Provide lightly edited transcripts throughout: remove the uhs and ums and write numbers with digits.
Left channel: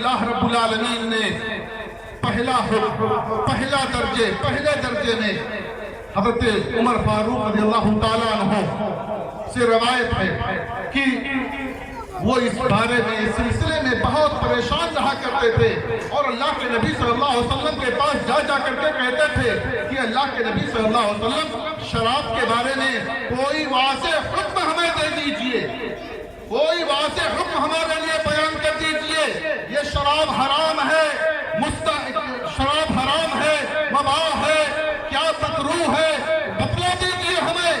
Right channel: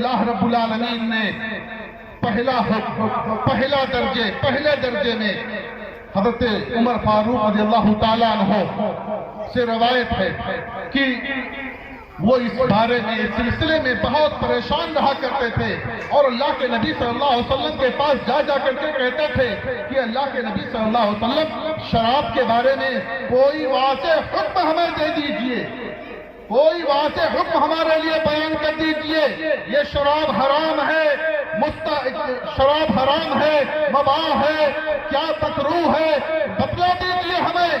اللہ رب العالمین نے پہلا حکم پہلے درجے میں حضرت عمر فاروق رضی اللہ تعالیٰ عنہ سے روایت ہے کہ وہ اس بارے میں اس سلسلے میں بہت پریشان رہا کرتے تھے اور اللہ کے نبی صلی اللہ علیہ وسلم کے پاس جا کر کے کہتے تھے کہ اللہ کے نبی صلی اللہ علیہ وسلم شراب کے بارے میں کوئی واضح حکم ہمیں دے دیجئے، کوئی واضح حکم ہمارے لیے بیان کر دیجئے، یہ شراب حرام ہے، شراب حرام ہے، مباح ہے، کیا مکروہ ہے، بتلا دیجئے ہمیں۔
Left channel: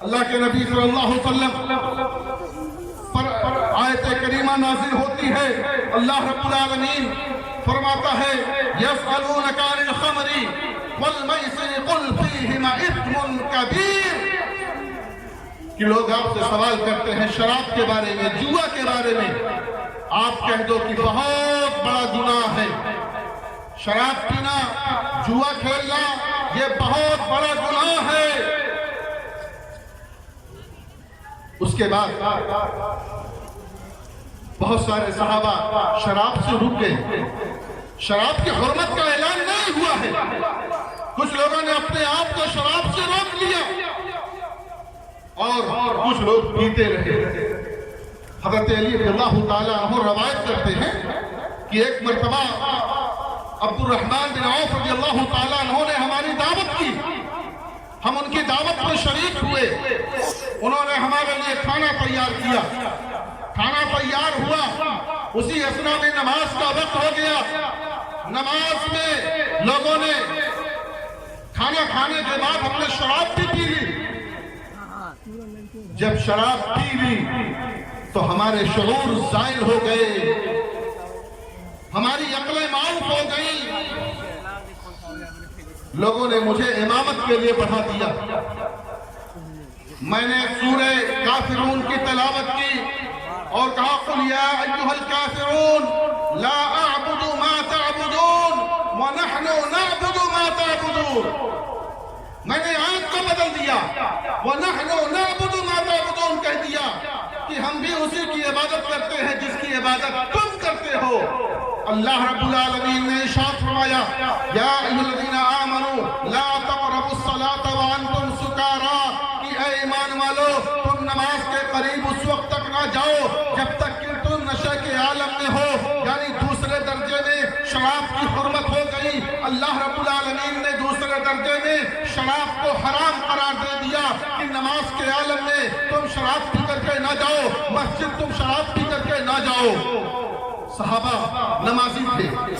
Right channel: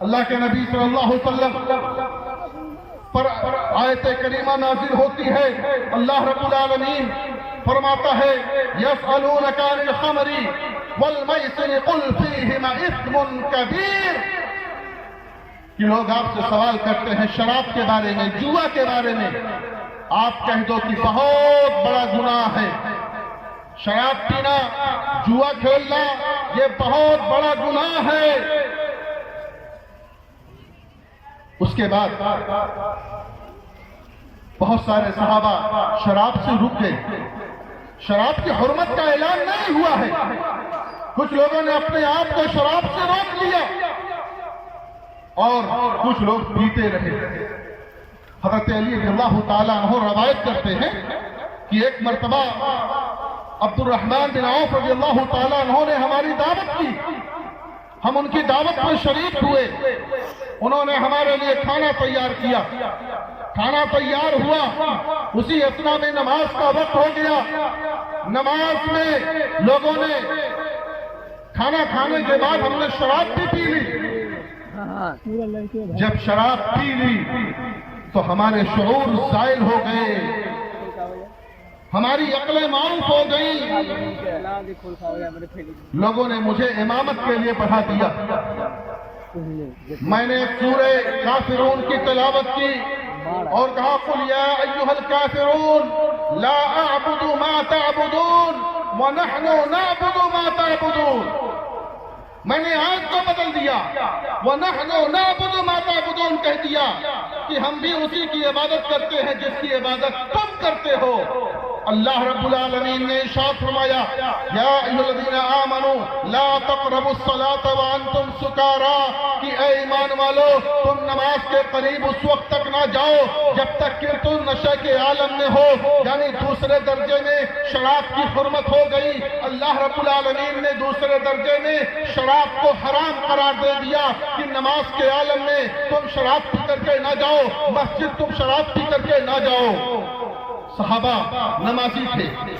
اللہ کے نبی صلی اللہ علیہ وسلم پر آیت کریمہ نازل ہوتی ہے، اللہ رب العالمین فرماتا ہے یسألونک عن الخمر والمیسر قل فیہما اثم کبیر، کہ لوگ آپ سے سوال کرتے ہیں شراب کے بارے میں، جوا کے بارے میں، آپ کہہ دو کہ بہت بڑا گناہ ہے، شراب پینا، جوا کھیلنا یہ بہت بڑا گناہ ہے۔ اس کے بعد بہت سارے صحابہ شراب سے رک گئے، شراب کی حرمت کا اعلان نہیں ہوا ہے، کچھ لوگوں نے اپنے آپ کو شراب سے روک لیا اور کچھ لوگ پیتے رہے۔ حضرت علی رضی اللہ تعالیٰ عنہ روایت کرتے ہیں کہ ایک مرتبہ عبد الرحمن بن عوف رضی اللہ تعالیٰ عنہ نے ہماری دعوت کی، ہم ان کی دعوت میں شریک ہوئے، انہوں نے ہمارے لیے کھانا تیار کیا، کھانا تیار ہوا، اسی اثنا میں نماز کا وقت ہو گیا، نماز میں لوگوں نے کھانا کھانے کے بعد ہم نے شراب بھی پی لی، جب شراب پی لی تو ہمارے شعور زائل ہو گئے، ہماری عقلیں معاف ہو گئی، لوگوں نے مجھے امامت کے لیے بڑھا دیا، میں نے سورہ کافرون کی تلاوت کی اور کہا قل یا ایھا الکافرون لا اعبد ما تعبدون ونحن نعبد ما تعبدون، میں نے آیت کو بدل دیا، وَنَحْنُ نَعْبُدُ مَا تَعْبُدُونَ کہہ دیا کہ ہم بھی اسی کی عبادت کرتے ہیں جس کی عبادت تم کرتے ہو۔ اللہ رب العالمین نے ارشاد فرمایا یا ایھا الذین آمنوا لا تقربوا الصلاة وانتم سکارى، کہ اے ایمان والو تم نماز کے قریب اس وقت تک نہ جاؤ جب تک کہ تم نشے کے عالم میں ہو، یعنی دوسرے درجے میں شراب کی حرمت ہو گئی، اللہ رب العالمین نے دوسرے درجے میں شراب کو حرام قرار دے دیا کہ نماز کے عالم میں تم شراب پی کر کے نہ جاؤ، مسجد تم شراب پی کر کے نہ جاؤ۔ صحابہ نمازی تھے،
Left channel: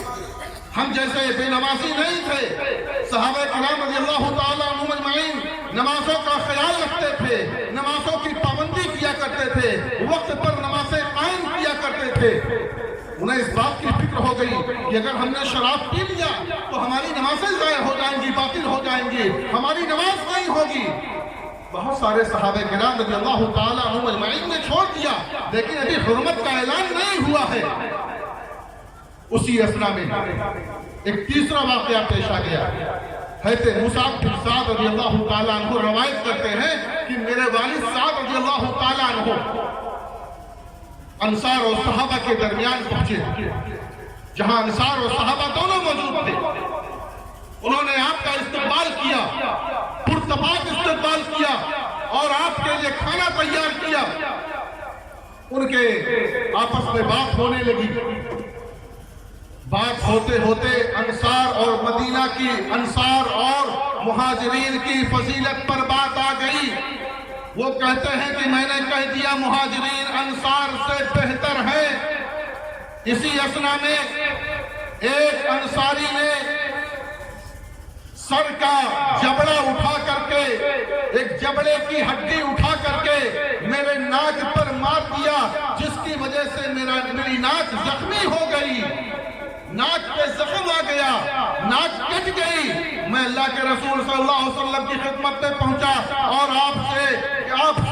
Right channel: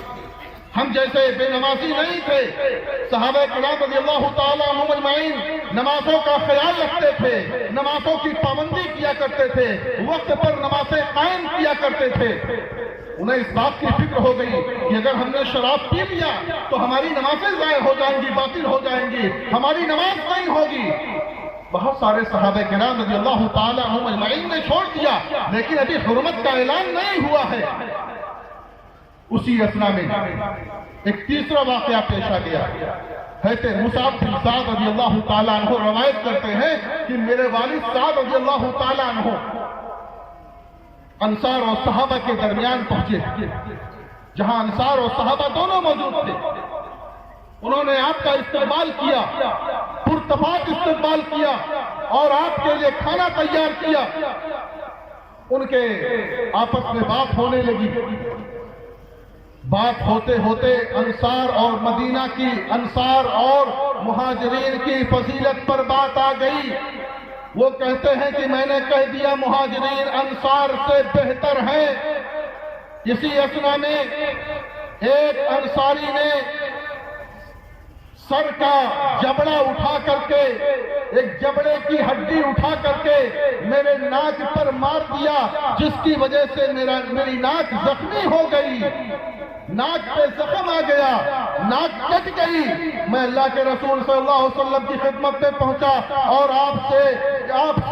ہم جیسے بے نمازی نہیں تھے، صحابہ کرام رضی اللہ تعالیٰ عنہم اجمعین نمازوں کا خیال رکھتے تھے، نمازوں کی پابندی کیا کرتے تھے، وقت پر نمازیں قائم کیا کرتے تھے۔ انہیں اس بات کی فکر ہو گئی کہ اگر ہم نے شراب پی لیا تو ہماری نمازیں ضائع ہو جائیں گی، باطل ہو جائیں گی، ہماری نماز نہیں ہوگی۔ بہت سارے صحابہ کرام رضی اللہ تعالیٰ عنہم اجمعین نے چھوڑ دیا، لیکن ابھی حرمت کا اعلان نہیں ہوا ہے۔ اسی اثنا میں ایک تیسرا واقعہ پیش آ گیا، حضرت مصعب بن سعد رضی اللہ تعالیٰ عنہ روایت کرتے ہیں کہ میرے والد سعد رضی اللہ تعالیٰ عنہ انصار اور صحابہ کے درمیان پہنچے، جہاں انصار اور صحابہ دونوں موجود تھے، انہوں نے آپ کا استقبال کیا، پرتپاک استقبال کیا اور آپ کے لیے کھانا تیار کیا۔ ان کے آپس میں بات ہونے لگی، بات ہوتے ہوتے انصار اور مدینہ کی، انصار اور مہاجرین کی فضیلت پر بات آ گئی۔ وہ کہتے ہیں کہ میں نے کہہ دیا مہاجرین انصار سے بہتر ہیں۔ اسی اثنا میں ایک انصاری نے سر کا جبڑا اٹھا کر کے، ایک جبڑے کی ہڈی اٹھا کر کے میرے ناک پر مار دیا، جس کی وجہ سے میری ناک زخمی ہو گئی، ناک پہ زخم آ گیا، ناک کٹ گئی۔ میں اللہ کے رسول صلی اللہ علیہ وسلم کی خدمت میں پہنچا اور آپ سے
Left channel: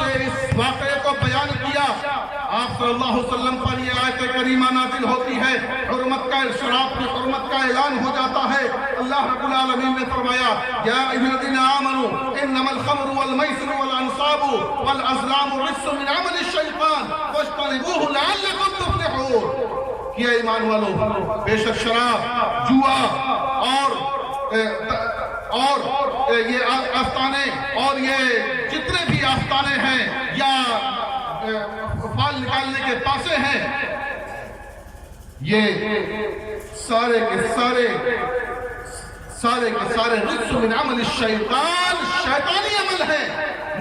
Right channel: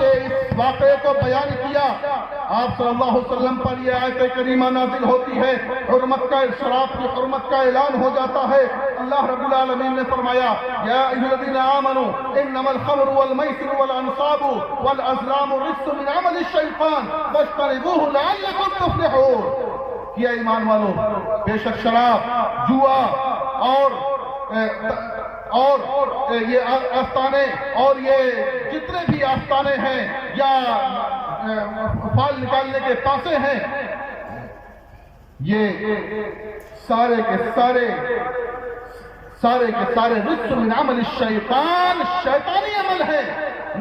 اس واقعے کو بیان کیا۔ آپ صلی اللہ علیہ وسلم پر یہ آیت کریمہ نازل ہوتی ہے، حرمت کا، شراب کی حرمت کا اعلان ہو جاتا ہے۔ اللہ رب العالمین نے فرمایا یا ایھا الذین آمنوا انما الخمر والمیسر والانصاب والازلام رجس من عمل الشیطان فاجتنبوہ لعلکم تفلحون۔ کیا ایمان والو، بے شک شراب، جوا اور یہ آستانے اور یہ جتنے بھی آستانے ہیں یا فال نکالنے کے پاسے ہیں، یہ سارے کے سارے رجس من عمل الشیطان، شیطانی عمل ہے،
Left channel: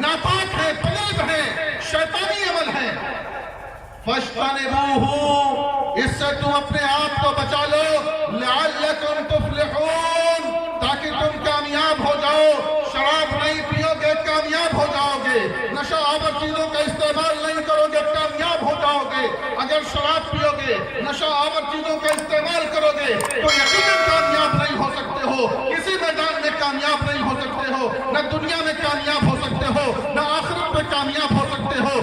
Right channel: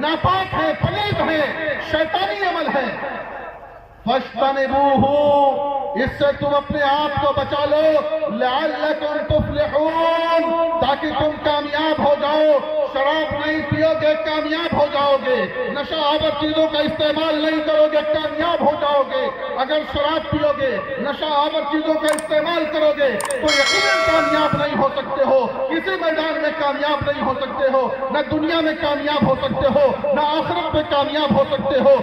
ناپاک ہے، پلید ہے، شیطانی عمل ہے۔ فَاجْتَنِبُوهُ، اس سے تم اپنے آپ کو بچا لو، لَعَلَّكُمْ تُفْلِحُونَ، تاکہ تم کامیاب ہو جاؤ۔ شراب نہیں پیو گے کامیاب ہو جاؤ گے، نشہ آور چیزوں کا استعمال نہیں کرو گے کامیاب ہو جاؤ گے۔ اگر شراب پیو گے، نشہ آور چیزوں کا استعمال کرو گے تو یقیناً کامیاب نہیں ہو سکتے ہو، کسی میدان میں کامیاب نہیں ہو سکتے ہو، نہ دنیا میں کامیاب ہو سکتے ہو، نہ آخرت میں کامیاب ہو سکتے ہو،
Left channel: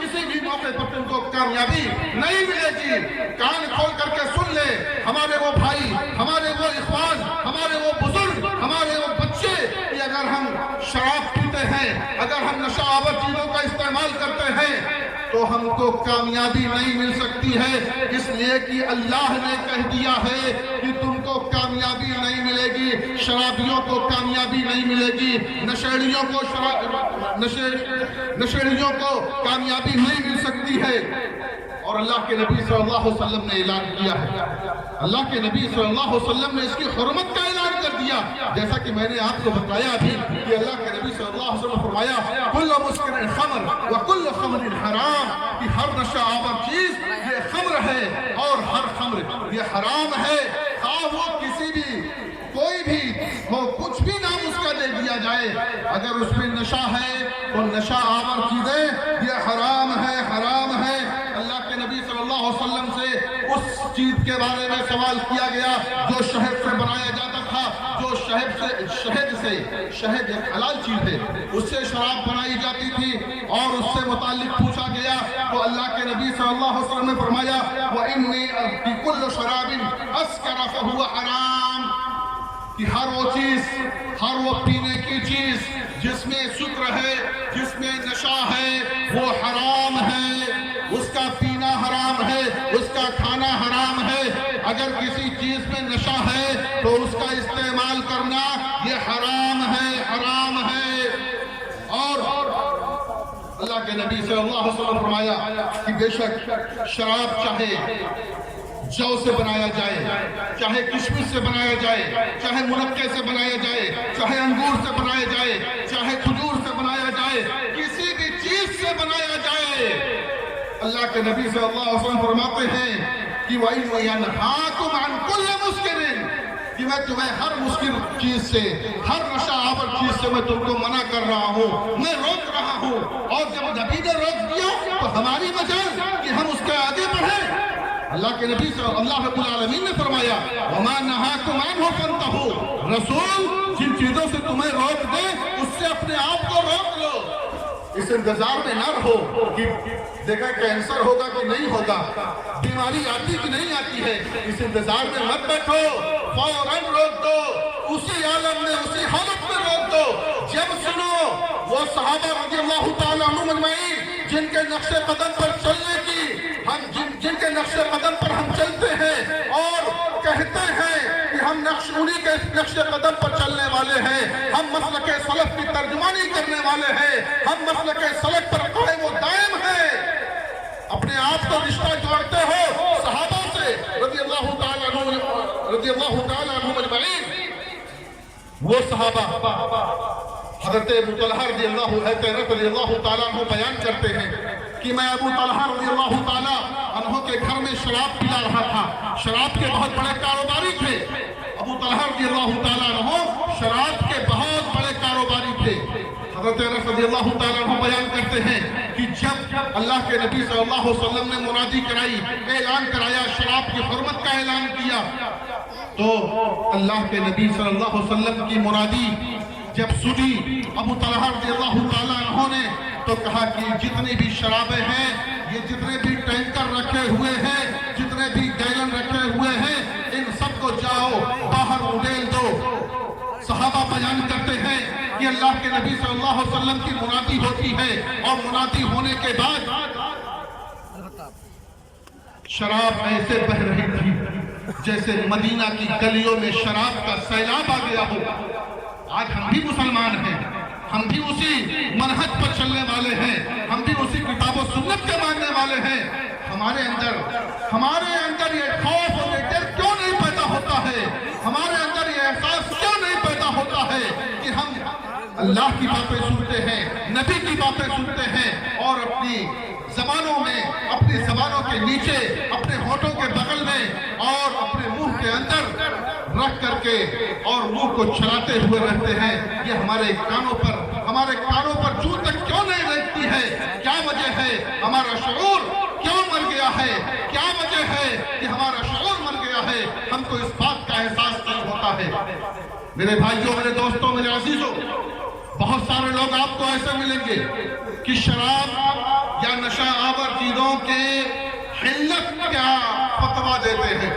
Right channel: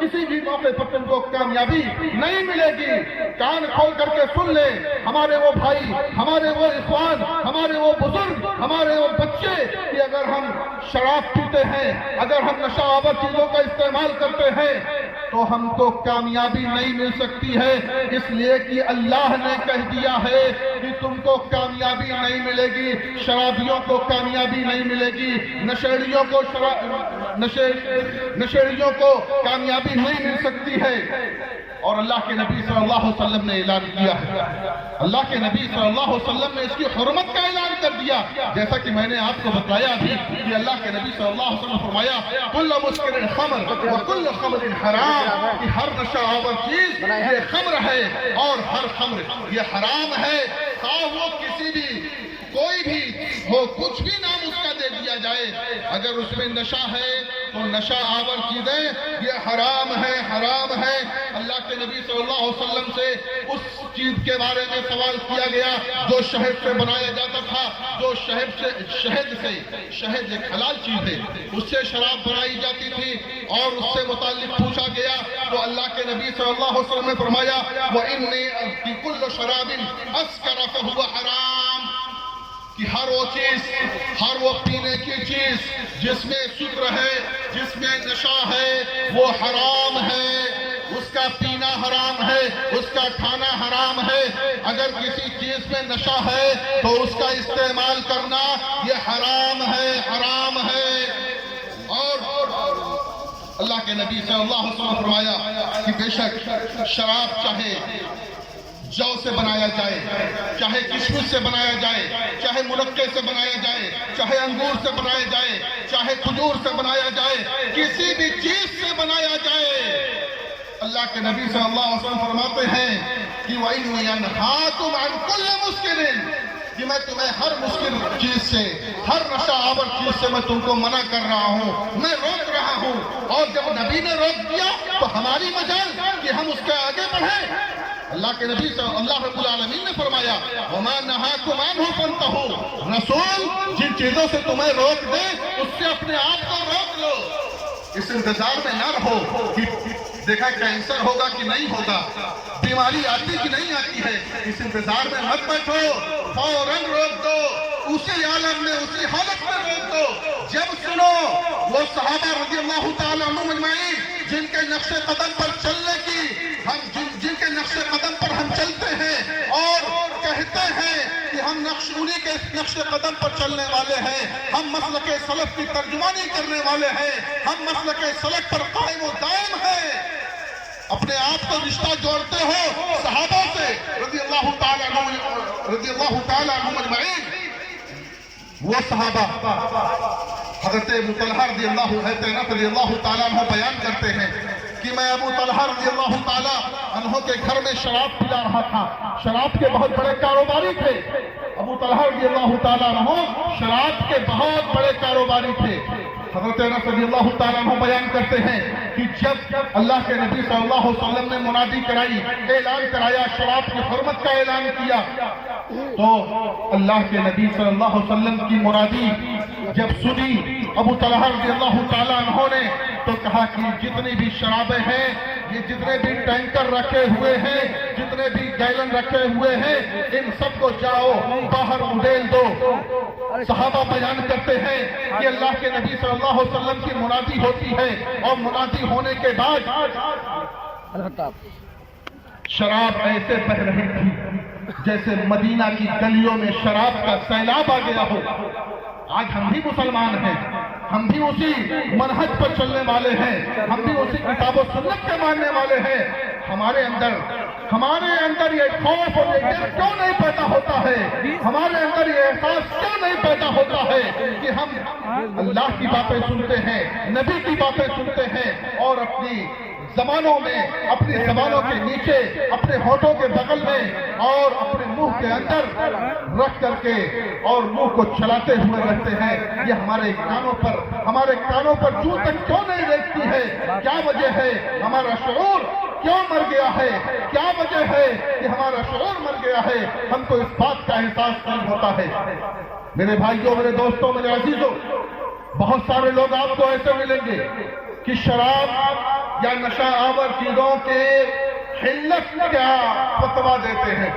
کسی بھی موقع پر تم کو کامیابی نہیں ملے گی۔ کان کھول کر کے سن لے ہمارے وہ بھائی، ہمارے وہ اخوان، ہمارے وہ بزرگ، ہمارے وہ بچے، کہ اگر ہم شراب پیتے ہیں، اگر ہم نشہ آور چیزوں کا استعمال کرتے ہیں تو ہم کو کامیابی نہیں مل سکتی ہے، اس لیے کہ اللہ نے کہہ دیا ہے کہ تم کو کامیابی نہیں ملے گی، شرابیوں کو کامیابی نہیں ملے گی، نشیڑیوں کو کامیابی نہیں مل سکتی ہے۔ اور اللہ کے نبی صلی اللہ علیہ وسلم نے اعلان کیا ہے، اللہ کے نبی صلی اللہ علیہ وسلم نے اس کی حرمت کا اعلان کر دیا، جیسا کہ میں نے آپ کو بتایا ابھی کہ اللہ کے نبی صلی اللہ علیہ وسلم نے فرمایا کل مسکر خمر وکل خمر حرام، کہ ہر نشہ آور چیز یہ خمر ہے اور ہر خمر یہ حرام ہے، خواہ وہ کسی بھی کوئی بھی ہو، کچھ بھی نام اس کا دے دیا جائے، اگر اس میں نشہ ہے تو نشہ آور چیزیں یہ حرام ہے، حرام ہے۔ اللہ کے نبی صلی اللہ علیہ وسلم سے اس چیز کے بارے میں سوال کیا گیا جو شہد سے بنایا جاتا تھا، جو شہد ایک حلال چیز ہے، اس سے شراب بنائی جاتی تھی، اور اس سے متعلق پوچھا گیا تو اللہ کے نبی صلی اللہ علیہ وسلم نے فرمایا وَإِنِّي بِكُلِّ شَرَابٍ أَسْكَرَ فَهُوَ حَرَام، کہ ہر وہ چیز، ہر وہ پینے کی چیز جس میں سکر ہے، جس میں نشہ ہے، وہ حرام ہے، اس کا پینا حرام ہے، اس کا کھانا حرام ہے۔ اگر کسی چیز میں نشہ ہے تو اس کا استعمال کرنا یہ حرام ہے، حرام ہے۔ اور اللہ کے نبی صلی اللہ علیہ وسلم نے فرمایا کہ بے شک شراب چاہے جو سے بنایا جائے، چاہے کشمش سے بنایا جائے، چاہے منقے سے بنایا جائے، چاہے انگور سے بنایا جائے، چاہے کھجور سے بنایا جائے، کسی بھی چیز سے بنایا جائے، اللہ کے نبی صلی اللہ علیہ وسلم فرماتے ہیں کہ وَإِنْ يَنْهَاكُمْ عَنْ كُلِّ مُسْكِرٍ، کہ میں تمہیں ہر مسکر چیز سے، ہر نشہ آور چیز سے میں تم کو منع کر رہا ہوں، میں روک رہا ہوں۔ اور جب نبی نے روک دیا تو ہماری مجال کہ ہم اس کے آگے بڑھیں۔ اللہ کے نبی صلی اللہ رب العالمین نے فرمایا وَمَا نَهَاكُمْ عَنْهُ فَانْتَهُوا، رسول جن چیزوں سے تمہیں روک دے اس سے اپنے آپ کو روک لو، اس انتظار میں نہ رہو کہ دیکھا کینسر ہوگا کہ نہیں ہوگا، بیماری آتی کہ نہیں آتی ہے، اس انتظار میں مت بیٹھو، فوراً روک دو، اسی عالم میں، اسی حالت میں روک دو جب سنو وہ صحابہ رضی اللہ تعالیٰ عنہم اجمعین جن کے نقش قدم پر چلنے کی، جن کے نقش قدم پر ہم چلتے ہیں اور کہتے ہیں کہ ہم انہی کے نقش قدم پر چلنے والے ہیں، ہم مسلک سلف کی ترجمانی کرنے والے ہیں، ہم مسلک سلف پر قائم و دائم ہیں، اپنے آپ کو رشتہ جوڑتے ہو صحابہ سے رضی اللہ تعالیٰ عنہم اجمعین۔ وہ صحابہ حضرت ابو طلحہ رضی اللہ تعالیٰ عنہ بیان کرتے ہیں کہ میں ابو طلحہ رضی اللہ تعالیٰ عنہ کے گھر میں شراب پلا رہا تھا، شراب کے بہت بڑے کاروباری تھے، ابو طلحہ رضی اللہ تعالیٰ عنہ شراب کے بہت بڑے کاروباری تھے۔ حضرت انس رضی اللہ تعالیٰ عنہ بیان کرتے ہیں کہ جب اللہ کے نبی صلی اللہ علیہ وسلم نے منادی کرائی، اعلان کرایا، شراب کی حرمت کا اعلان کیا، تو اللہ کے نبی صلی اللہ علیہ وسلم کی منادی جب سنی ابو طلحہ رضی اللہ تعالیٰ عنہ نے تو کہا کہ جتنی بھی شرابیں ہیں، یہ جتنے بھی ٹینکر رکھے ہوئے ہیں، جتنے بھی گیلن رکھے ہوئے ہیں، ان سب کو جاؤ باہر اڈیل دو۔ صحابہ بیان کرتے ہیں کہ اللہ کے نبی صلی اللہ علیہ وسلم کی منادی ہوتی ہے اور منادی ہونے کے بعد شراب ایسے بہ رہی تھی جیسے مدینہ کی گلیوں میں شراب کا سیلاب آ گیا ہو۔ آج ہم بھی مسلمان ہیں، ہم بھی اسی منہج پر چلنے والے ہیں، ہم بھی اسی کتاب و سنت کے ماننے والے ہیں۔ ہمارے اندر یہ خوف اور یہ ڈر کیوں نہیں پیدا ہوتا ہے؟ ہمارے اندر یہ احساس کیوں نہیں پیدا ہوتا ہے کہ ہم اللہ کی باتیں سنتے ہیں، نبی کی باتیں سنتے ہیں، اور اپنی زبانوں میں، اپنی زبانوں کے نیچے، اپنے ہونٹوں کے بغل میں اور اپنے منہ کے اندر رکھ کر کے اور منہ کو چلاتے ہوئے رہتے ہیں؟ یہ ہمارے کانوں پر جوں تک کیوں نہیں رہتی ہے؟ کیا وجہ ہے؟ ہمارا شعور کیوں مر گیا ہے؟ کیا وجہ ہے کہ ہمارا شعور مر گیا ہے؟ ہم کو اس بات کا احساس نہیں ہوتا ہے۔ میرے بھائیوں، میرے دوستوں، میرے عزیزوں، بہت سارے لوگ آپ کو ایسے ملیں گے کہ شراب یا نشہ آور چیزوں کے حلت کا فتویٰ دیتے ہیں۔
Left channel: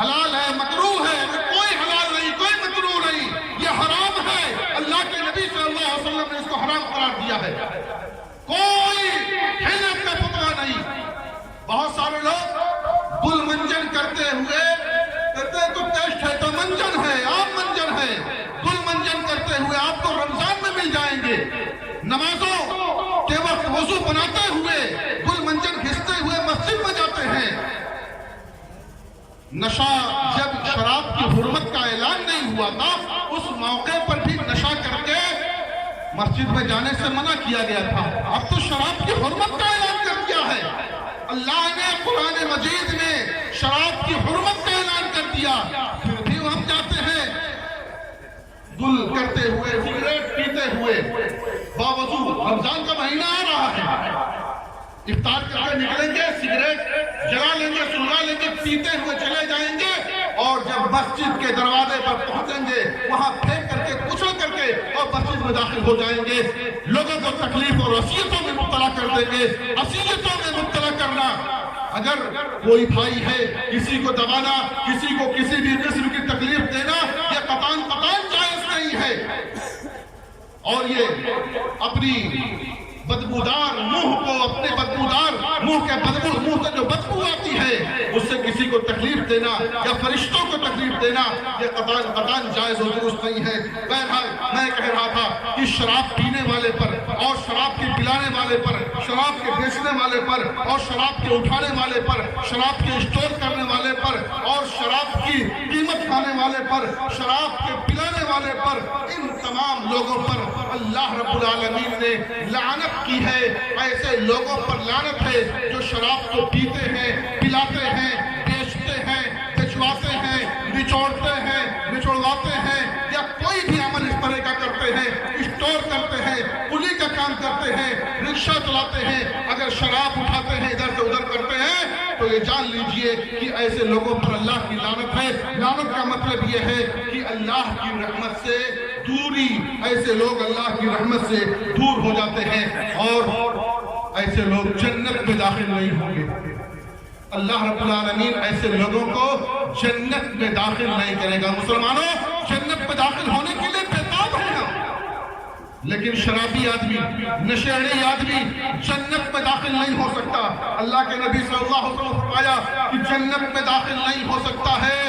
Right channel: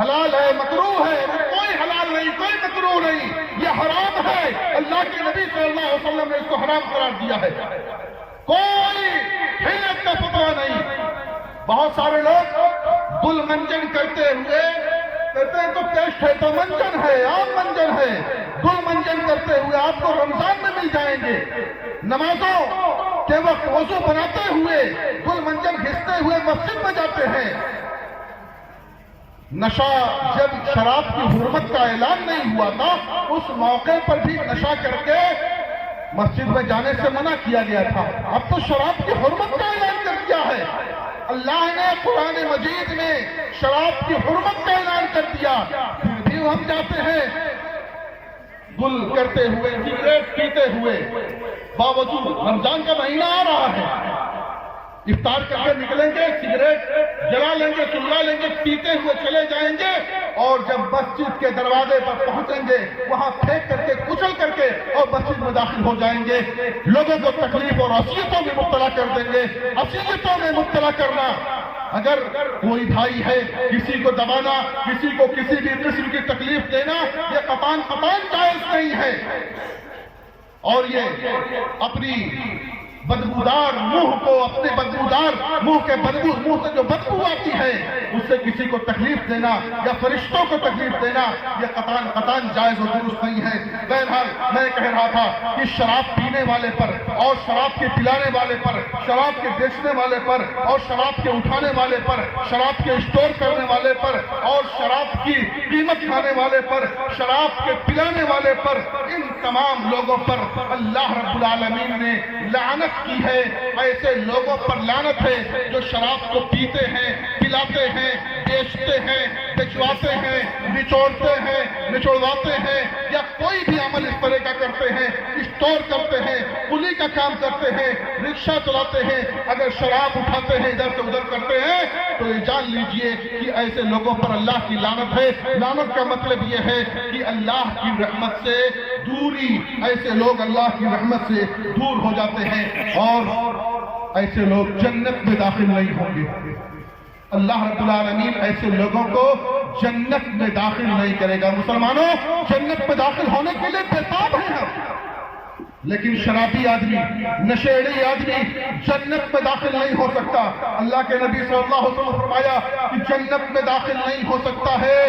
حلال ہے، مکروہ ہے، کوئی حلال نہیں، کوئی مکروہ نہیں، یہ حرام ہے۔ اللہ کے نبی صلی اللہ علیہ وسلم نے اس کو حرام قرار دیا ہے۔ کوئی حلت کا فتویٰ نہیں۔ بہت سارے لوگ گل منجن کرتے ہوئے کہتے ہیں تو ٹیسٹ ہے، تو منجن ہے، عام منجن ہے۔ گل منجن کرتے ہوئے آپ کو رمضان میں مل جائیں گے۔ نمازوں کے وقت وضو بناتے ہوئے گل منجن گھستے ہوئے مسجد میں جاتے ہیں۔ نشہ، جب شراب کی حرمت کا اعلان نہیں ہوا تھا، اس موقع پر بھی نشہ کر کے مسجد میں جانے سے منع کیا گیا تھا۔ اب تو شراب کی حرمت کا اعلان کر دیا ہے۔ اللہ نے قرآن مجید میں شراب کی حرمت کا اعلان کر دیا، پھر بھی ہم جاتے ہیں گل کرتے ہوئے، سگریٹ پیتے ہوئے، باوجود رمضان کا مہینہ آ رہا ہے، افطار کر کے نکلیں گے، سگریٹ جلا لیں گے، سلگا لیں گے، پیتے ہوئے چلے جائیں گے، اور جب مسجد کے دروازے پر پہنچیں گے وہاں پھینک کر کے، کچل کر کے اور مسجد میں داخل ہو جائیں گے۔ لوگوں کو تکلیف اور اذیتوں میں مبتلا کر دیں گے۔ اذیتوں میں مبتلا کرنا، اگر کوئی بھائی ہے، کسی کو دبانا، کسی کو کسی بھی قسم کی تکلیف دینا، یہ قطعاً جائز نہیں ہے۔ اور یہ اپنی بدبودار منہ کو، اپنے بدبودار منہ سے جو بدبو آتی ہے، اس سے کسی کو تکلیف دینا یا فرشتوں کو تکلیف دینا، یہ قطعاً جائز و درست نہیں ہے۔ بہرحال میں کہہ رہا تھا کہ شراب پینے والے پر اور شراب کے پلانے والے پر، شراب کے بیچنے والے پر اور شراب کے اٹھانے والے پر، شراب کے اسٹور کرنے والے پر اور شراب کی قیمت کھانے والے پر، شراب کے پلانے والے پر، ان تمام لوگوں پر اللہ رب العالمین نے لعنت کی ہے۔ ایسے لوگوں پر لعنت ہے جو شراب کو پیتے ہیں، پلاتے ہیں، بیچتے ہیں، بچواتے ہیں، نچوڑتے ہیں، نچوڑواتے ہیں، یا کوئی بھی عمل اس طرح کا کرتے ہیں، اسٹور کرتے ہیں، کلی کا کام کرتے ہیں، رکشہ چلاتے ہیں، اگر شراب اٹھاتے ہیں، ادھر سے ادھر کرتے ہیں، تو یہ جان لیجئے کہ ایسے لوگوں پر اللہ کی لعنت ہے۔ لعنت کا مطلب یہ ہے کہ اللہ کی رحمت سے دوری، ایسے لوگ اللہ کی رحمت سے دور ہو جاتے ہیں، اور ایسے لوگ جنت میں داخل نہیں ہوں گے۔ اللہ رب العالمین ایسے لوگوں کو جنت میں داخل نہیں کرے گا۔ مسلمانوں، جنت میں داخل ہونے کے لیے بےتاب ہیں ہم، لیکن شرابی آدمی، نشیڑی آدمی جنت میں داخل نہیں ہو سکتا۔ اللہ کے نبی صلی اللہ علیہ وسلم نے فرمایا کہ جنت میں داخل نہیں ہو سکتا ہے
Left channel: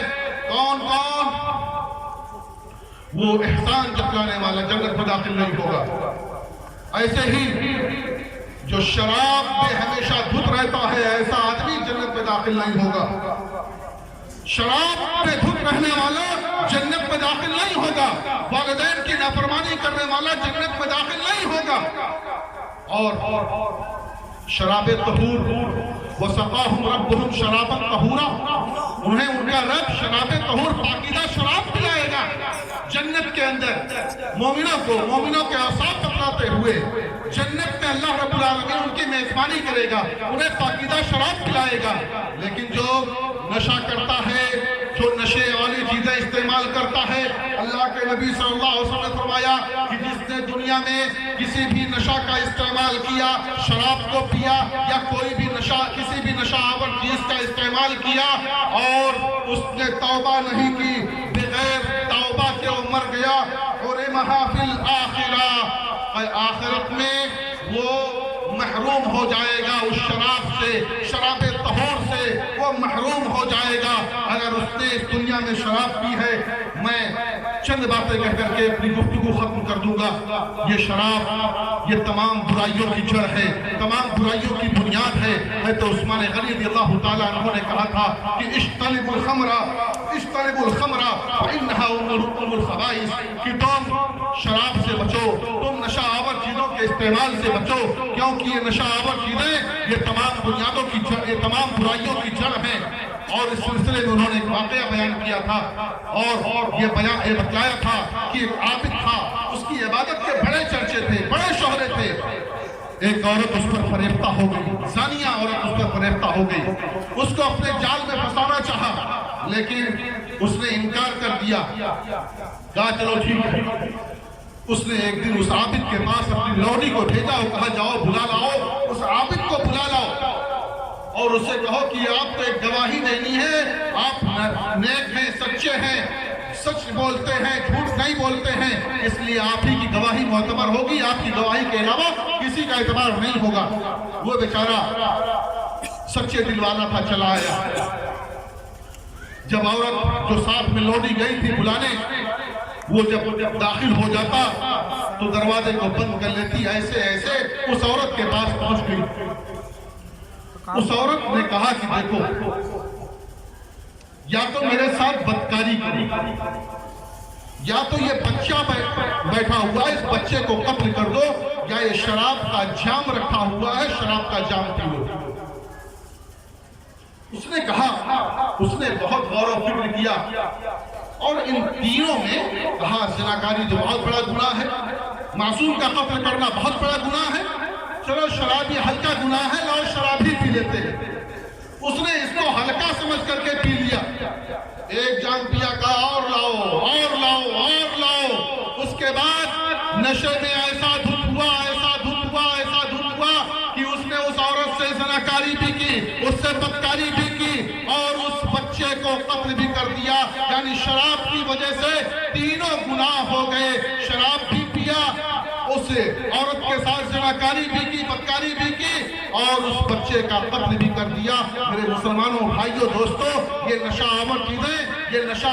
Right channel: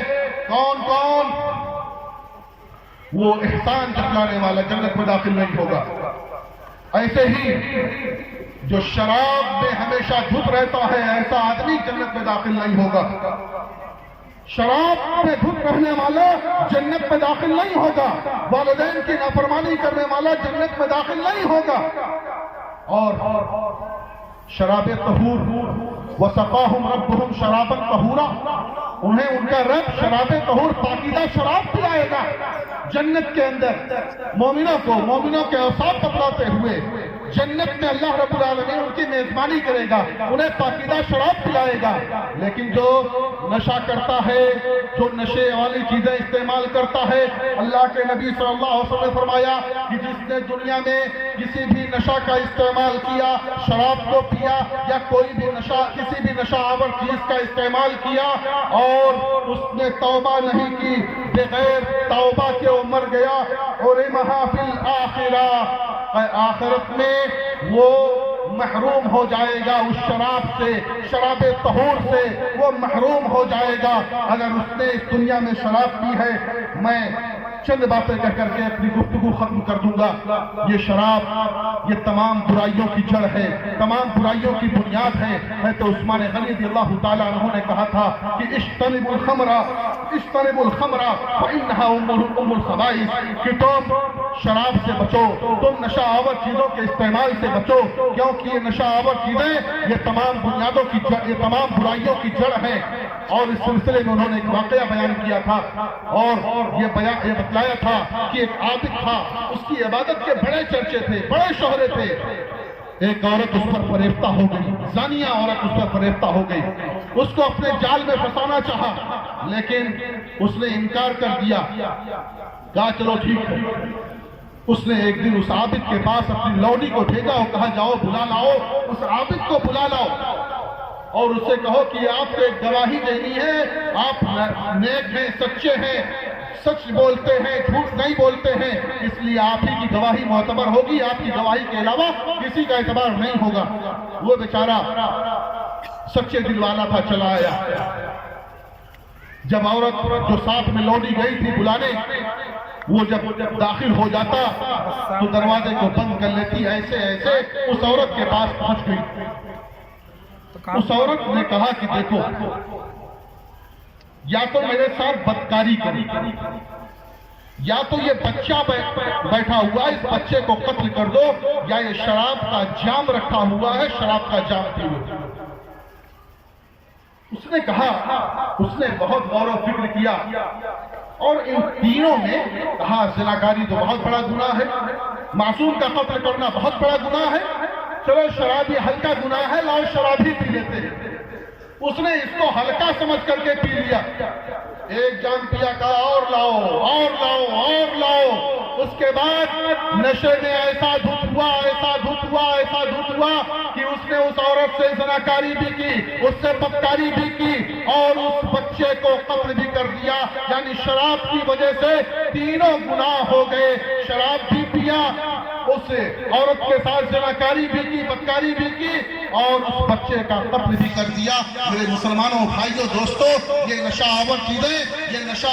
کون؟ وہ احسان جتلانے والا جنت میں داخل نہیں ہوگا۔ ایسے ہی جو شراب میں ہمیشہ دھت رہتا ہے، ایسا آدمی جنت میں داخل نہیں ہوگا۔ شراب میں دھت رہنے والا جنت میں داخل نہیں ہوگا۔ والدین کی نافرمانی کرنے والا جنت میں داخل نہیں ہوگا۔ اور شراب طہور، وَسَقَاهُمْ رَبُّهُمْ شَرَابًا طَهُورًا، انہیں ان کا رب شراب طہور، پاکیزہ شراب پلائے گا جنت کے اندر۔ مومنوں کے اوصاف بتلاتے ہوئے جنت میں اللہ رب العالمین ان کی میزبانی کرے گا، انہیں پاکیزہ شراب پلائے گا۔ لیکن جو نشہ کرتا ہے، جو نشے والی چیزیں استعمال کرتا ہے، اللہ کے نبی صلی اللہ علیہ وسلم نے فرمایا کہ جس نے دنیا میں کسی بھی نشہ کا استعمال کیا، شراب کو پیا یا کوئی بھی کسی بھی نشہ آور چیز کا استعمال کیا اور اس نے توبہ نہیں کی، بغیر توبہ کے وہ مر گیا، اور محافل آخرہ، آخرت میں وہ محروم ہو جائے گا اس شراب سے، شراب طہور سے وہ محروم ہو جائے گا اگر اس نے اس دنیا میں شراب پی ہے۔ میں چند باتیں کہہ کر کے اپنی گفتگو ختم کر دوں گا۔ یہ شراب یہ تمام برائیوں کی جڑ ہے، تمام برائیوں کی بنیاد ہے۔ حضرت عثمان غنی رضی اللہ تعالیٰ عنہ نے کہا تھا کہ اجتنبوا الخمر فإنها ام الخبائث، کہ تم شراب سے بچو، تم نشہ آور چیزوں کے استعمال سے بچو، کیونکہ یہ نشہ آور چیزیں یہ تمام بنیادوں کی جڑ، یہ تمام برائیوں کی جڑ ہیں۔ اور اس سلسلے میں انہوں نے ایک واقعہ بیان کیا تھا اور یہ بتلایا تھا کہ ایک عابد تھا، اس کی عبادت کے بڑے چرچے تھے، بڑے شہرے تھے۔ ایک عورت اس پر فریفتہ ہو گئی، زانیہ عورت اس پر فریفتہ ہو گئی، اس کو اپنے جال میں پھنسانا چاہا لیکن اس نے انکار کر دیا، کہا چلو ٹھیک ہے۔ اس نے ایک دن اس عابد کے پاس اپنی لوڈی کو بھیجا اور کہا جاؤ بلا لاؤ، اس عابد کو بلا لاؤ اور اسے کہو کہ آپ کو ایک گواہی دینی ہے، آپ نیک ہیں، سچے ہیں، سچ بولتے ہیں، جھوٹ نہیں بولتے ہیں، اس لیے آپ ہی کی گواہی معتبر ہوگی، آپ کی گواہی کے علاوہ کسی کا اعتبار نہیں ہوگا۔ وہ بیچارہ سچے دل والا تھا، چلا آیا۔ جب عورت جو ساتھ میں لوٹی گئی تھی بلانے، وہ جب داخل ہو جاتا تو دروازے کو بند کر لیتی، ایسے ایسے اس عورت کے پاس پہنچ گئی۔ اس عورت نے کہا کہ دیکھو، یا تو میرے ساتھ بدکاری کرو، یا تو یہ بچہ بیٹھا ہوا ہے، اس بچے کو قتل کر دو، یا یہ شراب کا جام رکھا ہوا ہے، شراب کا جام پیو۔ اس نے کہا، اس نے بہت غور و فکر کیا اور ان تینوں میں کہا زناکاری تو بہت بڑا گناہ ہے، معصوم کا قتل کرنا بہت بڑا گناہ ہے، چلو شراب یہ ہلکا گناہ ہے، لاؤ شراب ہی پی لیتے ہیں۔ اس نے اس کو ہلکا سمجھ کر کے پی لیا، ایک جام پیا، کہا اور لاؤ اور لاؤ اور لاؤ۔ اس کے بعد نشے میں ایسا دھت ہوا، ایسا دھت ہوا، ایسا دھت ہوا کہ اس نے اس عورت سے زناکاری بھی کی، اس سے بدکاری بھی کی اور اس بچے کو قتل بھی کر دیا۔ یعنی شراب کی وجہ سے تینوں گناہ ہو گئے، شراب بھی پیا، اس عورت کے ساتھ زناکاری بھی کی، بدکاری بھی کی اور اس بچے کا قتل بھی کر دیا۔ میرے مسلمانوں بھائیوں دوستو، یہ نشہ آور چیزیں، یہ نشہ